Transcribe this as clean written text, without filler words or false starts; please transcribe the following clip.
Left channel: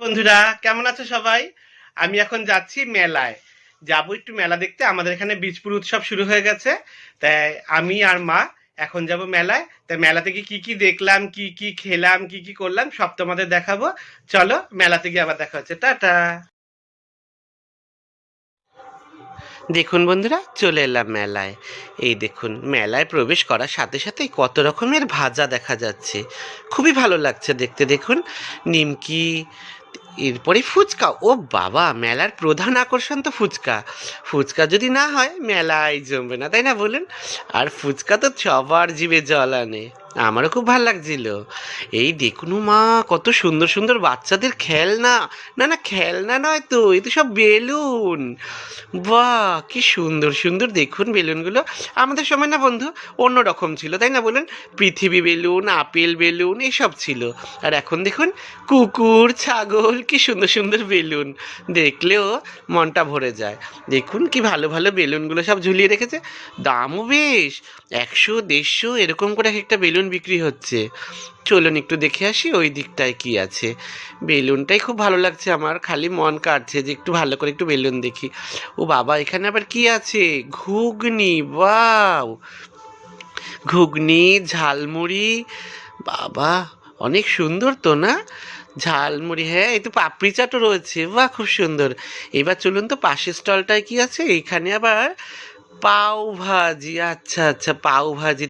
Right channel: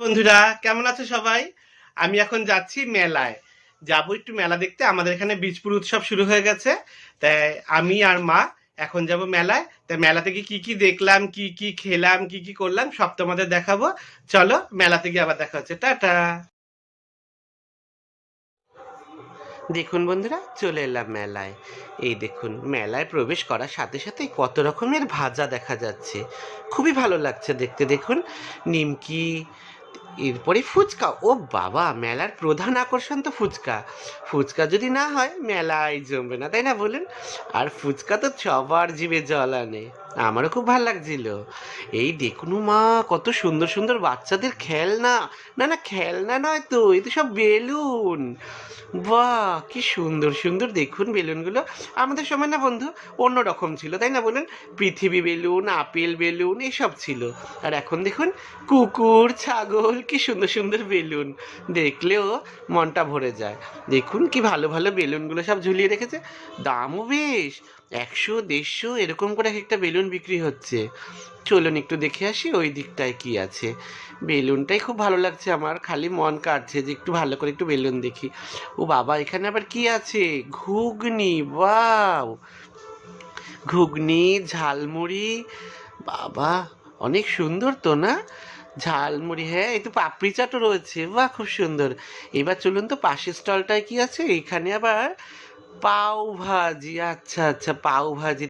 বন্ধুরা, কেমন আছো সবাই? আমি এখন যাচ্ছি মেলায়। যাবো একটু মেলা দেখতে। আমাদের এখানে বীজপুর উৎসব শুরু হয়ে গেছে। তাই আমি আর মা এখন যাব মেলায়। তাই মেলা থেকে কি কি দেখলাম, কি কি খেলাম, কি কি করলাম সব তোমাদের দেখাবো। চলো মেলাতে গিয়ে আবার দেখা হচ্ছে। টাটা। দেখুন বন্ধুরা, চলে এলাম মেলায়। এই দেখুন, মেলায় প্রবেশ করার সাথে সাথেই কত রকমের ভাজা দেখা যাচ্ছে। খুবই ভালো লাগছে দেখতে। দেখুন, নিমকি, এরপরে ফুচকা। ও বাবা, মেলার প্রধান আকর্ষণ তো ফুচকা। ফুচকা যদি না হয় মেলায় জমবে না, তাই না বলুন? আর ফুচকা তো সবার জিভে জল আনে। আমারও খুব ভালো লাগছিল। এই দেখুন মা, কত সুন্দর সুন্দর বাচ্চাদের খেলনা। না না, খেলনা নয় তো, এই তো সব বেলুন। বাহ, কি সুন্দর সুন্দর দেখুন বেলুনগুলো। আমাদের সময় না বন্ধু অন্য রকম ছিল, তাই না বলুন? পৃথিবী বেলুন, আপেল বেলুন এসব ছিল। আর এখন দেখুন, কুকুর, ছাগল, কি সুন্দর সুন্দর বেলুন। দেখলেও মনটা ভরে যায়। দেখুন কি ভালো ভালো বেলুনগুলো সব ঝুলিয়ে রেখেছে। দামও বেশ, 100 150 এরকম করে একটা বেলুন বিক্রি হচ্ছে। চলুন একটু দেখে আসি ওই দিকটায় কি আছে। বেলুনটাই খুব ভালো লাগছে আমার, খালি মন কাটছে যে একটু ভালো করে একটু বেলুন দেখি। ও বাবা, এখানে আবার কি আছে? ঘুগনি, ওয়াও! ঘুগনি, ঝালমুড়ি, বাবা, অনেক সুন্দর তো না? ঝালমুড়ি, হ্যাঁ, এই তো পাপড়ি চাটও রয়েছে। বাহ, খুব সুন্দর। এবার চলুন তো পাশের স্টলটায় কি আছে। এখানে আবার পাও ভাজি। আচ্ছা আচ্ছা, পাও ভাজি